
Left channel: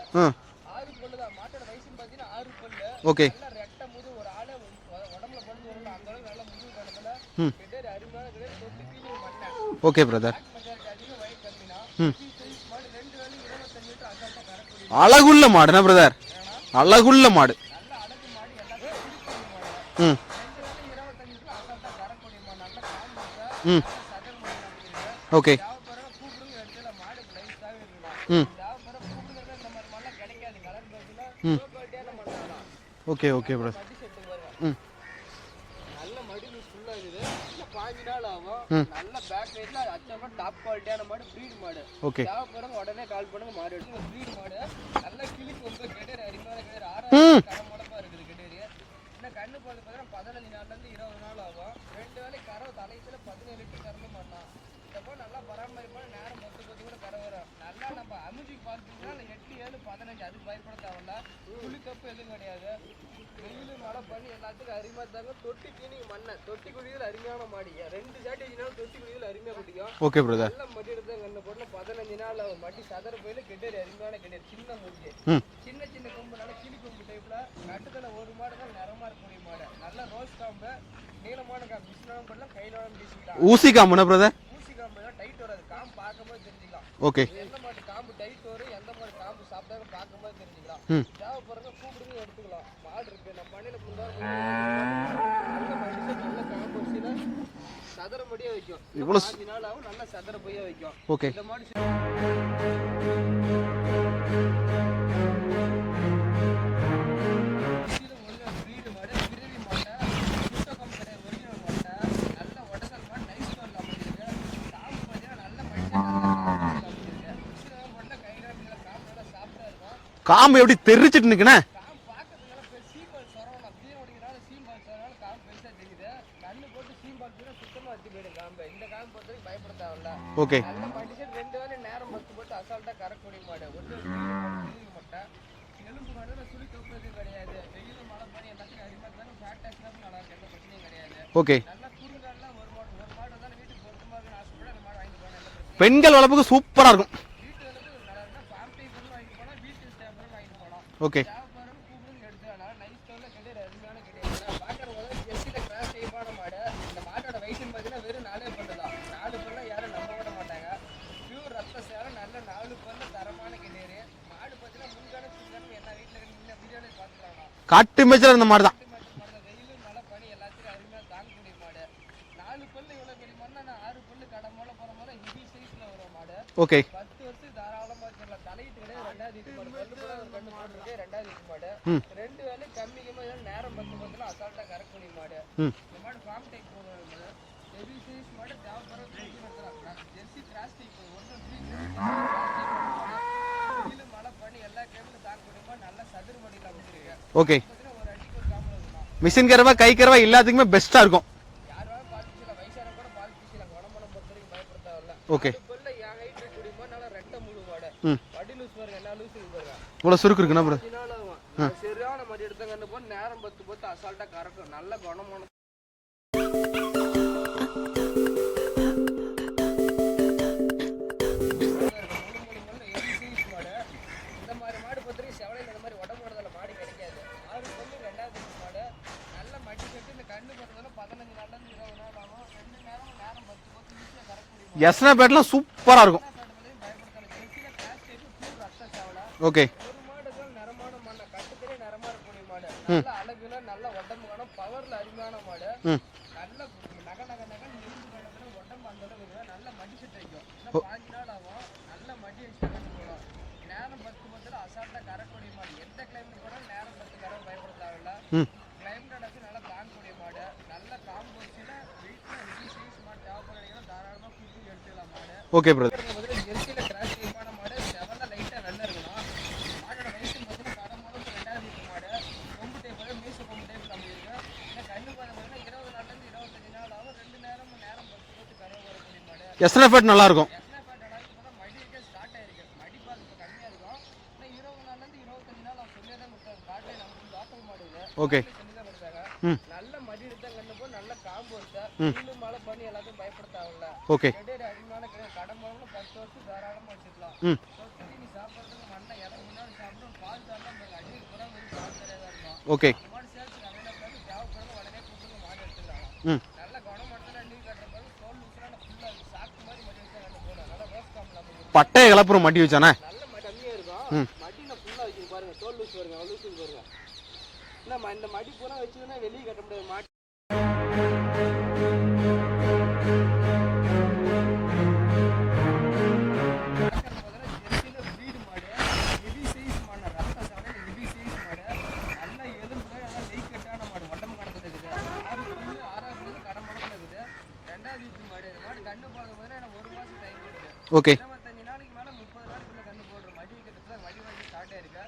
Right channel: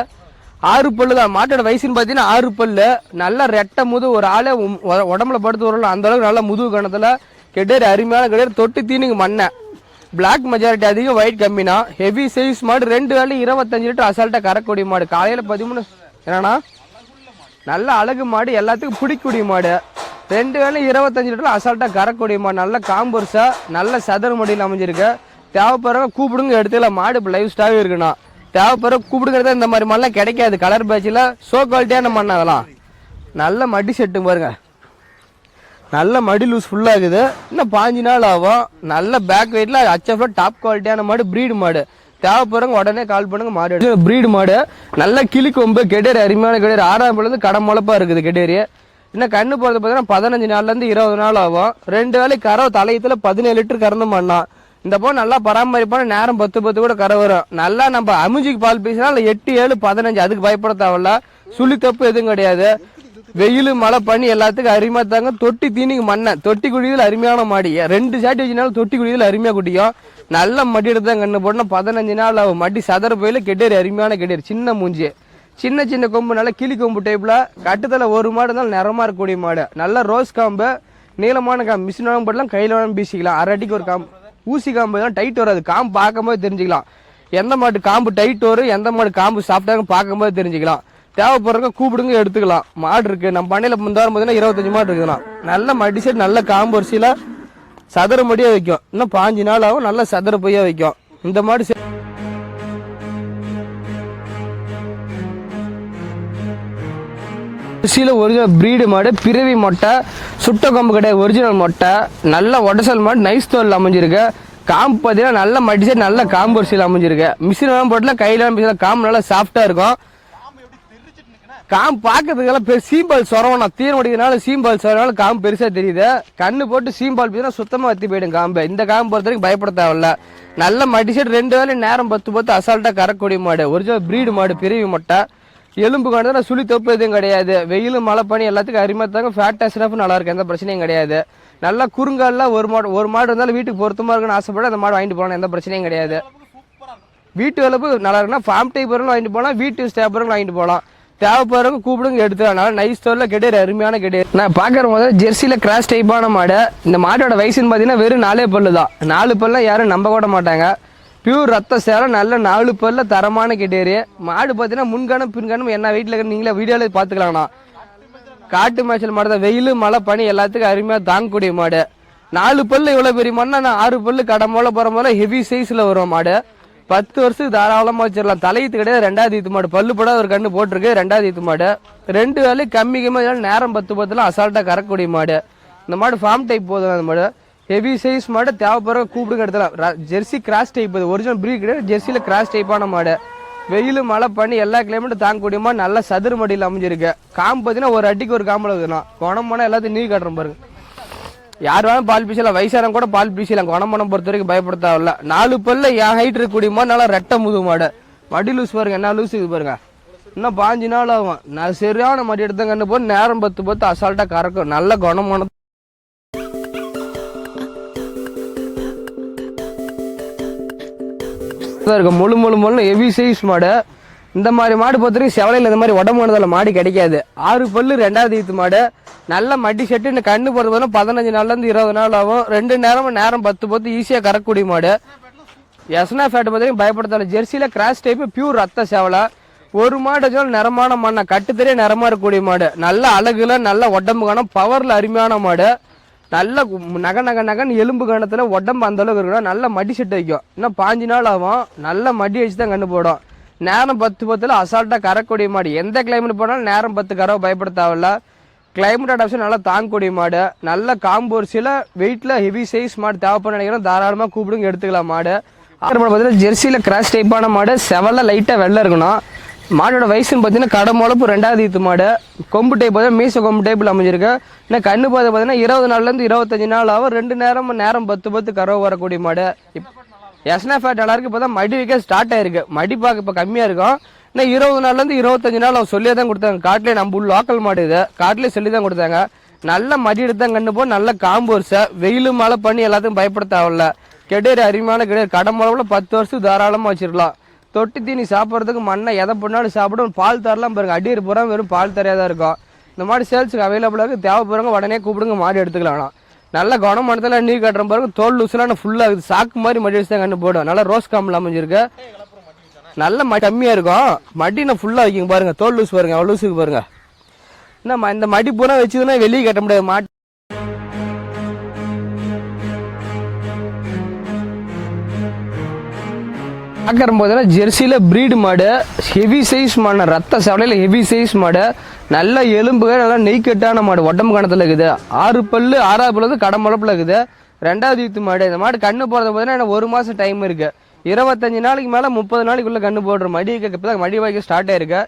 6 பல்லு தான். மாட்டோட வயசுன்னு பாத்தீங்கன்னா 6 பல்லு. நல்ல ரெட்டை முது, ஒரு ஆளே உடம்புல படுத்து வரல அந்த அளவுக்கு நல்ல முதுகு கணத்துல. கெடேரி அருமையான கெடேரி. தொட்டு தீனிங்க மண்ணை. பிளாக் மெஜாரிட்டி அதிகம், ஒயிட் கம்மினா. ஹெவி சைஸ் மாடு. 2 வேலை 25 லிட்டர் அசால்ட்டா கறக்கூடிய மாடு. அழகுள்ள மாடு பிரதர். என்னன்னா அழகுள்ள மாடு, நல்ல அழகு மாடு, எல்லாத்துக்கும் பிடிக்கூடிய மாடு. 2 வேலை 25 லிட்டர் அசால்ட்டா கறக்கூடிய மாடு. நல்ல காம்பர்ஸா, நல்ல சதர் மடியில் அமைஞ்சிருக்கு. தேவைப்படுறவங்க கூப்பிடுங்க, எடுத்துக்கலாம். மாடு லைவ் ஸ்டாவே இருக்குண்ணா. தேவைப்படுற கூப்பிடுங்கிறத இந்த மாதிரி மாடுலாம் கிடைக்காது. கலர் பேட்சில சோ குவாலிட்டியான மண் அதெல்லாம். நல்ல மடி செட்டு பாருங்க. நல்ல மடி லூஸ் ஃபுல்லா இருக்குது. இன்னும் 5 நாள் ஆகும். நல்ல பேக் வெயிட்ல HFல டாப் குவாலிட்டியான மாடு, பிரீடு மாடு. தேவைப்படுறவங்க உடனே கால் பண்ணுங்க. மாடு பிரீடு மாடு. நல்ல கிளி கொம்பு, கெடேரி அருமையான கெடேரி. 6வது கடமுழப்பா இருக்குது கெடேரி. இன்னும் கண்ணு போறது பாத்தீங்கன்னா 15 நாள்ல இருந்து 20 நாள் ஆகும். 2 வேலை கறவை தலையத்துல 17 லிட்டர் கறந்து பண்ணா. இந்த போன நல்லா பராமரிப்பான நேரம் 10 கூட கரை வரும். நல்லா நம்ம அமுஜிக்கு பால் பேசினா 8, 7, 15. அதுக்கு பயப்பட தேவையில்ல. சுழி தப்பு எதுவும் கிடையாது. வெயில் மழை பண்ணி எல்லாத்துக்கும் அருமையா தாங்க. தொட்டி தீனிக்கு மண்ணை, தொட்டி குடியில் அருமையான மாடி. 2 சாட்டி வச்சுனாலும் தொட்டி குடியில் அருமையா குடிக்கும். நல்ல மடி எடுத்து தான் கண்ணு போட்டோம். 15 நாள் ஆகும். மடி சதற போயில கெடேரி அருமையான கெடேரி. சின்ன மூஞ்சி, சின்ன கொம்பு, நல்ல கிளி கொம்பு டைப்ல. கட்டுதல ஒரு மாடு இருந்தாலும் நிறமா இருக்கக்கூடிய மாடு. நல்ல ரோஸ் காம்பு, நீளமான காம்பு. மிஷின் வாங்க போடலாம், கையில வாங்க பீசிக்கலாம். ஊசி காம்பு தான் டைட் வராது. காம்பு பார்க்கும்போது தெரிஞ்சுக்கலாம். எந்த மாடு காம்பு டைட் வரும், எந்த மாடு காம்பு சாப்பிட்டாங்க பார்க்கும்போது தெரிஞ்சுக்கலாம். தேவைப்படுறவங்க கூப்பிடுங்க, எடுத்துக்கலாம். மாடு இருக்கு நம்ம பண்ணையில முந்தாரம் பார்த்தீங்கன்னா 25 மாடு இருக்குதுலாம். நல்ல மடி செட், நல்ல காம்பு வரிசையில சதுர மடியா வைக்கும். இன்னும் 5 நாள் ஆகும். நல்ல சதுர பையா வைக்கும். இந்த மாடு ஒரிஜினல் பிரீடு மாடு, பிறவி மொட்டை, சுட்ட கொம்பு கிடையாது, ஒரிஜினல் மொட்டை. நல்ல உடசல் மாடு, நைஸ் தோல் அமைஞ்சிருக்கு. காம்பு பார்த்தீங்கன்னா நல்ல மடிச்சு, நல்ல காம்பு வரிசையில் அமைஞ்சிருக்கு. மிஷின் போட்டுல கையில காம்பு நல்லா சாஃப்டா இருக்கும். காம்பு எப்படி தெரிச்சிட்டு நிக்கனே? காம்பு பாக்கிறதுக்கெல்லாம் சீம்பால் சொரவனா தீர முடிக்கிறதுனால சீம்பால் சொரவனால காம்பு பெருசா தெரியுது. கண்ணு போட்டு சீம்பால் பீனா சுத்தமா வத்தி போயிடும் காம்பு. இந்த காம்பு பொறுத்த வரைக்கும் பயப்பட தேவையில்ல. நல்ல மடி செட் 2 வேளை நேரம் 10 அசால்ட்டா கறக்கூடிய மாடு. ஒரிஜினல் பிரீடு மாடு, பிரிவு மட்டை, எலும்பு காணுதுன்னா சுழி தொப்பு எதுவும் கிடையாது. வெயிலும் மழை பனி எல்லாத்துக்கும் அருமைத்தாங்க. ஃபேட் ஸ்டஃப் நல்லா இருக்கு, எந்த பிரச்சனையும் கிடையாது. நல்லா குறுங்கால ஒரு மாடு இருந்தாலும் வீட்டுக்கு பொருத்தமா இருக்குன்னு ஆசைப்பட அந்த மாடு வாங்கிட்டு போகலாம், எந்த பிரச்சனையும் கிடையாது. பெண்கள் வளர்ப்புக்கு சூப்பரா இருக்கும். வீட்டு வளர்ப்பு நல்லா இருக்குன்னா ஃபார்ம் டைப் வாங்கிட்டு போகலாம், வீட்டு ஸ்டேப்பரும் வாங்கிட்டு போகலாம். தேவைப்படுறவங்க கூப்பிடுங்க எடுத்துக்கலாம். நைஸ் ஸ்டோர்ல கிடையாது, அருமையான கிடையாது. நான் பாக்குற போது ஜெர்சியில கிராஸ் டைப்பான மாடு. இந்த மாட்டோட வயசுன்னு பாத்தீங்கன்னா வெறும் 4 பல்லு தான். 4 பல்ல யாரும் நம்ப கூட மாட்டாங்க. பியூர் ரத்த சேலம், நல்ல 4 பல்ல தரமான கிட்டேரி மாடு. பாத்தீங்கன்னா முன்கணம் பின்கணம் என்ன வீட்டுல இருக்க நீங்களே வீடியோல பாத்துக்கலாம்ண்ணா. காட்டு மேய்ச்சல் காட்டு மேய்ச்சல் மாடு தான். வெயில் மழை பனி எல்லாத்துக்கும் அருமையா தாங்கக்கூடிய மாடு. 4 பல்லு இவ்வளவு பெரிய மாடுனா, நான் 6 பல்லு கடமோல போற போல ஹெவி சைஸ்ல வரும் மாடு. 10 வருஷத்துக்கு தாராளமா வச்சிடலாம். தலையீத்து கிடையாது, 2வது ஈத்து மாடு. பல்லு பட ஒரு கண்ணு போட்டிருக்கு, 2வது ஈத்து மாடு. 2 வேலை கம்மி நேரம் 10 அசால்ட்டா கறக்கூடிய மாடு. இந்த மாடு ஃபார்ம் டைப் போதும். அந்த மாடு ஹெவி சைஸ் மாடு, தேவைப்படுற கூப்பிடுங்க எடுத்துலாம். Jersey cross type, original breed கிடையாது, ஜெர்சியில கிராஸ் டைப்பான மாடு. வெயில் மழை பண்ணி எல்லா கிளைமேட்டும் தாங்கக்கூடிய மாடு. நல்ல சதுர மடியில் அமைஞ்சிருக்கு. காம்பு பாத்தீங்கன்னா ஒரு அடிக்கு ஒரு காம்புல எல்லாத்துக்குமே பெஸ்டா இருக்கும். யார் வேணும் பால் பீசலாம், வயசாரம் கூட பால் பீசலாம். குணமனம் பொறுத்த வரைக்கும் பயப்பட தேவையில்ல. 4 பல்ல என் ஹைட் இருக்கக்கூடிய மாடு, நல்லா ரெட்டை முது மாடு. மடி லூஸ் பாருங்க, என்ன லூஸ் இது பாருங்க. 5 நாள் ஆகும். நான் சரியான மடி எடுத்த கண்ணு போது நேரம் 10 அசால்ட்டா கறக்கும். நல்ல குணமான முழு முழு முழு ஹெவி சைஸ் மாடு. இந்த மாதிரி மாடு பொறுத்தவரைக்கும் செவலையில் இந்த மாதிரி உடம்புல மாடு கிடைக்காது. 6 பல்லு 2வது ஈத்து மாடு. நல்ல மடி செட்டு. இந்த கண்ணு போறது 15 நாள்ல இருந்து 20 நாள் ஆகும். 2 நேரம் 10 ஈஸியா கறக்கூடிய மாடு. சூப்பரா பயப்படுத்தால. ஜெர்சியில கிராஸ் டைப், பியூர் ரத்த சேவலை. ஒரு மாடு நிறமான மண்ணா கட்டுத்தறிய நிறமா இருக்கக்கூடிய மாடு. நல்ல அழகுல நல்ல உடம்பு காணும், பவர்ல அருமையான மாடு. நல்ல நகன் எலும்பு கணத்துல உடம்பு அந்த அளவுக்கு இருக்கணும். நல்ல மடி செட்டு வைக்கும். இன்னும் 5 நாள் ஆகும். நல்ல மடி வச்சு தான் கண்ணு போடும். நேரம் 10 அசால்ட்டா கறக்கூடிய மாடு. எந்த கிளைமேட் போனாலும் நேரம் 10 கறவை பயப்பட தேவையில்ல. கிளைமேட் அடாப்ஷன் நல்லா தாங்கக்கூடிய மாடு. நல்ல காம்போர்சில வெயிட்ல ஹெவி சைஸ் மாடு தேவைப்பட நினைக்கிறோம், தாராளமா கூப்பிடுங்க எடுத்துக்கலாம் மாடு. ஜெர்சியில கிராஸ் டைப்பான மாடு. செவல்ல லைட்டா வெள்ளை இருக்கணும். மாடோட வயசுன்னு பார்த்தீங்கன்னா கடமுழப்பு 2வது ஈத்து மாடு. கொம்பு டைப் பார்த்தீங்கன்னா மீச கொம்பு டைப்பில் அமைஞ்சிருக்கு. இன்னும் கண்ணு பார்த்தீங்கன்னா 20 நாள்லேருந்து 25 நாள் ஆகும். 2 நேரம் 10 கறவை வரக்கூடிய மாடு. எஸ்னா ஃபேட் நல்லா இருக்கும். எஸ்னா ஃபேட் நல்லா இருக்கு. இப்போ தான் மடி வைக்க ஸ்டார்ட் ஆயிருக்கு. மடி பார்க்க இப்போ கம்மியாக இருக்கும். இன்னும் 20 நாள்ல இருந்து 25 நாள் அவங்க சொல்லியே தான் கொடுத்தாங்க. காட்டிலே நம்ம லோக்கல் மாடு இது. காட்டிலே சொல்லி தான் கொடுத்தாங்க. நல்ல மடி எடுத்தான் கண்ணு போ. நல்ல காம்போர்ஸ வெயிலு மழை பண்ணி எல்லாத்தையும் பயப்பட தேவையில்ல. கெடேரி அருமையான கெடேரி. கடமளவுல 10 வருஷம் தாராளமா வச்சிருக்கலாம். தொட்டி தீனி சாப்பிடறதுக்கு மண்ணை எதை பண்ணாலும் சாப்பிடும். பால் தரலாம் பாருங்க. அடியர் பூரா வெறும் பால் தரையா இருக்கும். இந்த மாதிரி சேல்ஸுக்கு அவைலபிளா இருக்கு. தேவைப்படுறவங்க உடனே கூப்பிடுங்க, மாடு எடுத்துக்கலாம். நல்ல குணமனத்துல நீர் கட்டுற பாருங்க. தோல் லூசுலாம் ஃபுல்லா சாக்கு மாதிரி மடி வச்சு தான் கண்ணு போடும். நல்லா ரோஸ் காம்பில் அமைஞ்சிருக்கு. மடி வச்சானே நல்ல கம்மியா இருக்கும். மடினா ஃபுல்லா வைக்கிங்க பாருங்க. தோல் லூஸ் பாருங்க, அவ்வளவு லூஸுக்கு பாருங்க. இந்த மடி பூரா வச்சுதுன்னா வெளியே கட்ட முடியாது. மாட்டு பார்க்கற போதுனா ஜெர்சியில பிரீடு மாடு. ஹெவி சைஸ் மாடு. ரத்த சேவலையில ஹெவி சைஸ் மாடு. நல்ல எலும்புகள், நல்லா நெய்க்கட்டான மாடு. உடம்பு கணத்துல இருக்குது. 6 பல்லு 6வது பல்லு கடமுழப்புல இருக்குது. 2வது ஈத்து மாடு. இந்த மாடு கண்ணு போறது போதுன்னா 1 மாசம் டைம் இருக்கு. 25 நாளைக்கு மேல 30 நாளைக்குள்ள கண்ணு போடுற மடி மடி வாய்க்க ஸ்டார்ட் ஆயிருக்கு.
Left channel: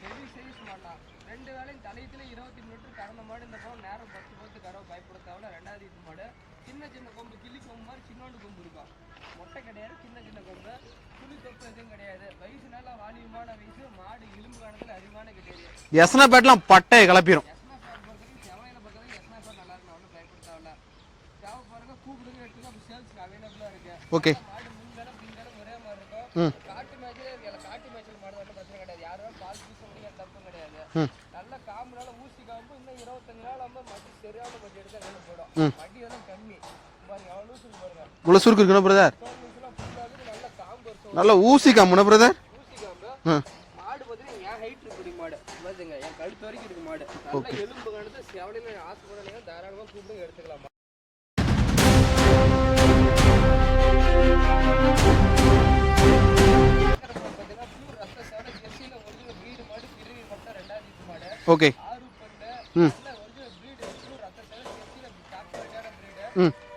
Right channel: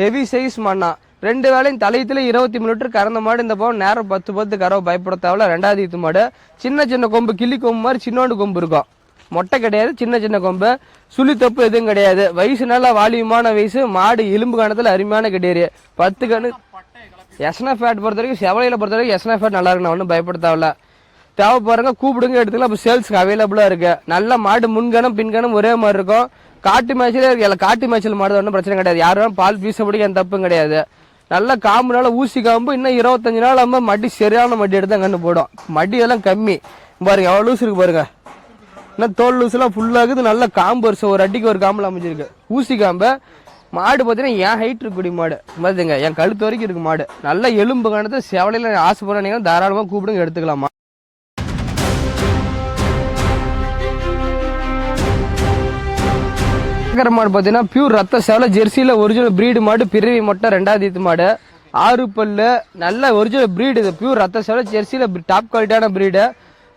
ஹெவி சைஸ் மாடுனா 2 வேளையும் தலையத்துல 23 லிட்டர் கறந்த மாடு. இந்த பக்கம் நேரம் 10 கறவை பயப்பட தேவையில்ல. 2வது ஈத்து மாடு. சின்ன கொம்பு, கிளி கொம்பு மாதிரி சின்னோண்டு கொம்பு இருக்கும். மொட்டை கிடையாது, சின்ன கொம்பு. சுழி தப்பு எதுவும் கிடையாது. வயசு நல்லா வாலியமான வயசு மாடு. எலும்பு காணத்துல அருமையான கிடையாது. எஸ்னா ஃபேட் பொறுத்த வரைக்கும் செவலையில பொறுத்த வரைக்கும் எஸ்னா ஃபேட் நல்லா இருக்கு. ஒன்றும் பயப்பட தேவையில்ல. தேவைப்படுறங்க கூப்பிடுங்க எடுத்துக்கலாம். இப்போ சேல்ஸ்க்கு அவைலபிளா இருக்கு. நல்ல மாடு. முன்கணம் பின்கணம் ஒரே மாதிரி இருக்கும். காட்டு மேய்ச்சலே இருக்கு. காட்டு மேய்ச்சல் மாடு ஒன்றும் பிரச்சனை கிடையாது. யாரும் பால் பீசப்படிக்க எந்த தப்பும் கிடையாது. நல்ல காம்புனால ஊசி காம்பு. இன்னும் 25 நாள் ஆகும். மடி சரியான மடி எடுத்தா கண்ணு போடும். மடி எல்லாம் கம்மி பாருங்க. எவ்வளவு லூஸ் இருக்கு பாருங்க. இவ்வளவு சுருக்கு இருக்கு. தோல் லூஸ் எல்லாம் ஃபுல்லா இருக்குது. நல்ல காம்பு வருஷம் ஒரு அடிக்கு ஊசி காம்பு. மாடு பாத்தீங்கன்னா என் ஹைட் இருக்கக்கூடிய மாடு பாத்துங்க. என் கழுத்து வரைக்கும் இருக்கு மாடு. நல்ல எலும்பு காணத்தை செவலையில ஆசைப்படுற தாராளமா கூப்பிடுங்க எடுத்துக்கலாமா. மாடு பாத்தீங்கன்னா பியூர் ரத்த சேவலை. ஜெர்சியில ஒரிஜினல் பிரீடு மாடு. பிறவி மொட்டை 2வது ஈத்து மாடு. 6 பல்லு நல்ல ஒரிஜினல் பிரீடு. இது பியூர் ரத்த சேவலை. ஜெர்சியில டாப் குவாலிட்டியான பிரீடு.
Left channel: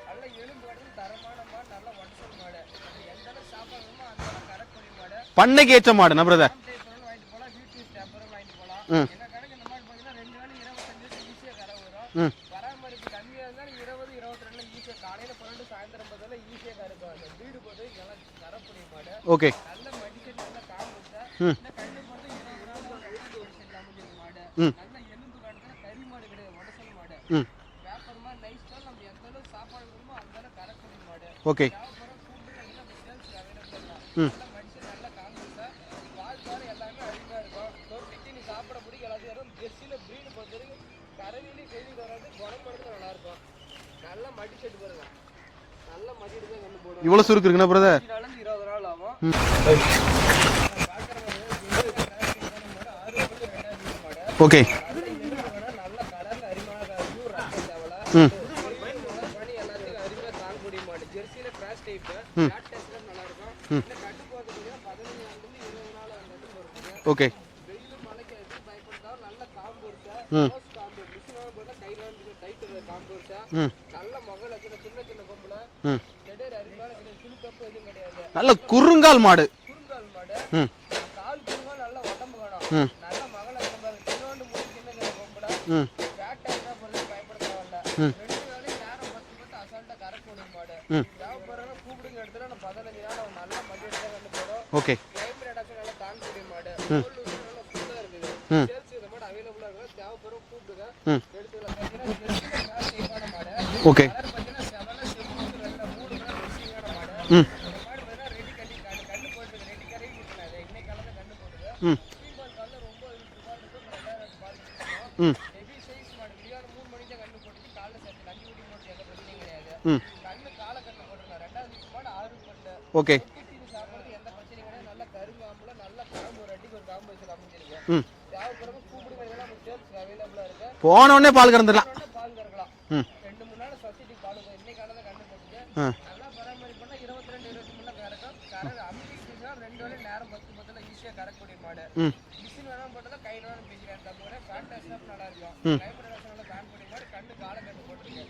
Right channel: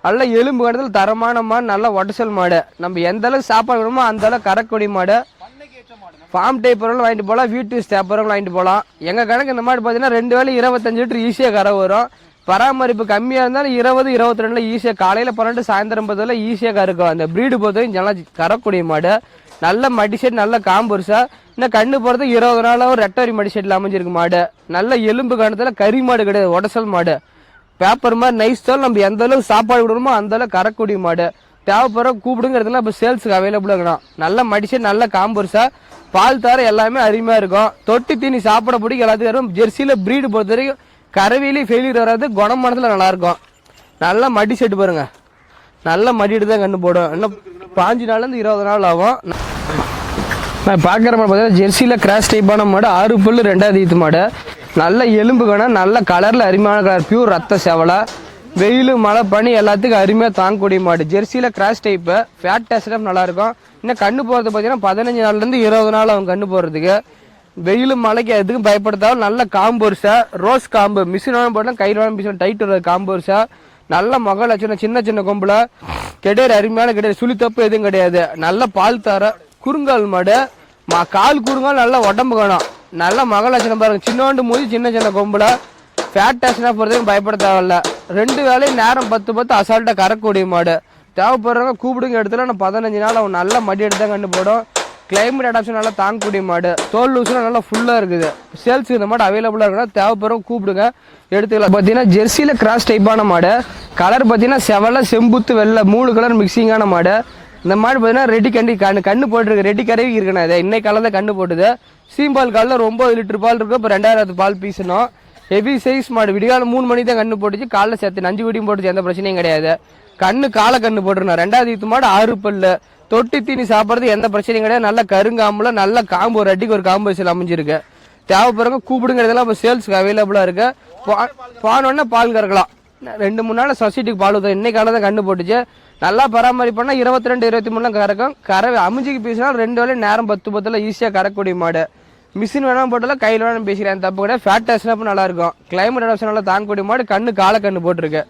நல்ல எலும்பு கணத்துல தரமான மாடு, நல்ல ஒட்டசல் மாடு. நம்ம எந்த அளவுக்கு சாப்பாடு வேணுமோ அந்த அளவுக்கு கறக்கூடிய மாடு. பண்ணைக்கு ஏற்ற மாடு ஃபார்ம் டைப் வாங்கிட்டு போலாம், வீட்டு ஸ்டாப் வாங்கிட்டு போலாம். எங்க கணக்கு இந்த மாடு பாத்தீங்கன்னா 2 வேளை 25 லிட்டர் ஈஸியா கரை வரும். பராமரிப்பு கம்மியா இருந்தாலும் 20, 22 ஈஸியா, காலையில 12 சாயந்தரம் 10 ஈஸியா கறக்கும். அந்த பிரீடு பொறுத்தவரைக்கும் நல்லா கறக்கூடிய மாடு. நல்ல மடி செட், நல்ல காம்புருசா. இன்னும் கண்ணு போறது 20 நாளா ஒரு ரெட்டரி மடி செட்ல அமைஞ்சிருக்கு மாடு. நல்ல எலும்பு கணத்துல கறி மாடு கிடையாது, ஒடசல் மாடு. பேப்பர் மாதிரி நைஸ் தோல். நம்ம எந்த அளவுக்கு சாப்பாடு விடுறோமோ அந்த அளவுக்கு கறக்கூடிய மாடு. தேவைப்படுற கூப்பிடுங்கிறதுல இப்ப சேல்ஸுக்கு அவைலபிளா இருக்கணும். நல்ல மடிச்சு, நல்ல காம்புருசா, பால் தர எல்லாமே அருமையா இருக்கும். தொட்டி தீனி சாப்பிட பிடிக்கும் எல்லாத்துக்கும் இருக்கும். ஜெர்சியில பிரீடு பொறுத்த வரைக்கும் கறவையிலேயே ஃபெயிலியர் வராது, குணமானதுல நல்லா இருக்கும். நல்ல மடி செட்டு பாருங்க, நல்ல மடிட்டு தான் கண்ணு போடும். 5 நாள்ல இருந்து 20 நாள் ஆகும். நான் பாக்குற மாதிரி பார்த்தீங்கன்னா ஜெர்சியில கிராஸ் டைப்பான மாடு, 6 பல்லு 2வது ஈத்து மாடு. நல்ல எலும்பு கணம், நல்ல கலர்ல அருமையான கலர், பியூர் ரத்த சேவலை. வெயில் மழை பனி எல்லாத்துக்கும் அருமையா தாங்கக்கூடிய மாடு. ஜெர்சியில கிராஸ் டைப், ஃபேட் டெஸ்ட் நல்லா இருக்கும். இன்னும் கண்ணு போறது பாத்தீங்கன்னா 15 நாள்ல இருந்து 20 நாள் அவங்க கண்ணு போறதுக்கு. வெயில் மழைக்கு எதுக்கும் பயப்படுத்தாலும் நல்ல காம்பொருசா, ரோஸ் காம்பு, மிஷின் போட்டா கையில மிஷின் டைட் வர்றது காம்பொருசா. நல்ல மகள் சின்ன சின்ன கொம்புல கிடையாது, அருமையான கிடையாது, சுழி தப்பு எதுவும் கிடையாது. நல்ல குறுங்கால் மாடு, குறுங்கால் மாடு, கால் குறுங்கால், நல்ல உடம்பு காணும். நல்ல மகள் லட்சணம் பாருங்க, சின்னோண்டு மூதி, சின்ன சின்ன கொம்புல. ஃபேட் டெஸ்ட்னா போறதுக்கு பயப்பட தேவையில்ல. 2 வேளையும் நேரம் 10 அசால்ட்டா கறக்கூடிய மாடு. தேவைப்படுறவங்க கூப்பிடுங்க இடத்துல 15 நாள் அவன் நல்ல மடி எடுத்தா கண்டு போடும். கிளைமேட் அடாப்ஷன் நல்லா தாங்கக்கூடிய மாடு. தோல் லூஸ்ல நல்லா ஃபுல்லா இருக்குது. சேல்ஸ் இந்த மாடு அவைலபிளா இருக்குன்னா தேவைப்படுறவங்க கூப்பிடுங்க, எடுத்துக்கலாம். பாத்தீங்கன்னா ஜெர்சியில கிராஸ் டைப்பான மாடு. கலர் பாத்தீங்கன்னா செவல, செம்புத்து, வெள்ளை 3 கலர் மிக்சிங்கான மாடு. இந்த மாடு பாத்தீங்கன்னா ரெடி கண்ணு போட்டுருக்கு, ரெடி கறவி இருக்கணும். அதை இன்னைக்கு காலையில கண்ணு போட்டுது. சீம்பால் காலில் 9 லிட்டர் பால் இருக்கு. இப்ப 2000 பால் பீசணும். ஹெவி சைஸ் மாடு. விடிகால 3 மணி தான் கண்ணு போட்டுச்சு, காலைல சேர்த்து 5 குட்டியும் போட்டுச்சு, எந்த பிரச்சனையும் கிடையாது. கண்ணு காலை கண்ணு போட்டுருந்தோம். 2வது ஈத்து மாடு, 6 பல்லு. தொட்டி தீனி சாப்பிடுறது எந்த பிரச்சனையும் கிடையாது. நல்ல கருங்காம்புல, நல்ல காம்பு, ஒரு அடிக்கு ஒரு காம்பு வயசுல அமைஞ்சிருக்கு. தேவைப்படுறவங்க கூப்பிடுங்கிறதெல்லாம் சேல்ஸ்க்கு அவைலபிளா இருக்கு. போனோடனே பால் கறக்கலாம். 2-3 நாள் சொசைட்டிக்கு பால் ஊத்தும். இன்னைக்கு காலையில கண்ணு போட்டுச்சு. நல்லா பராமரிப்பா 22, 23 கறக்கும். கறவை அமைஞ்சிக்கு பேசினா 2 வேளை நேரம் 10 ஈஸியா கறக்கூடிய மாடு. மிஷின் வேணாம் போட்டால கையில வேணும் பேசுறேன், தப்பு கிடையாது. ஃபேட் டெஸ்ட் நல்லா இருக்கும். கிளைமேட் அடாப்ஷன் நல்லா தாங்கக்கூடிய மாடு. கண்ணு காலை கண்ணு போட்டுருக்கு.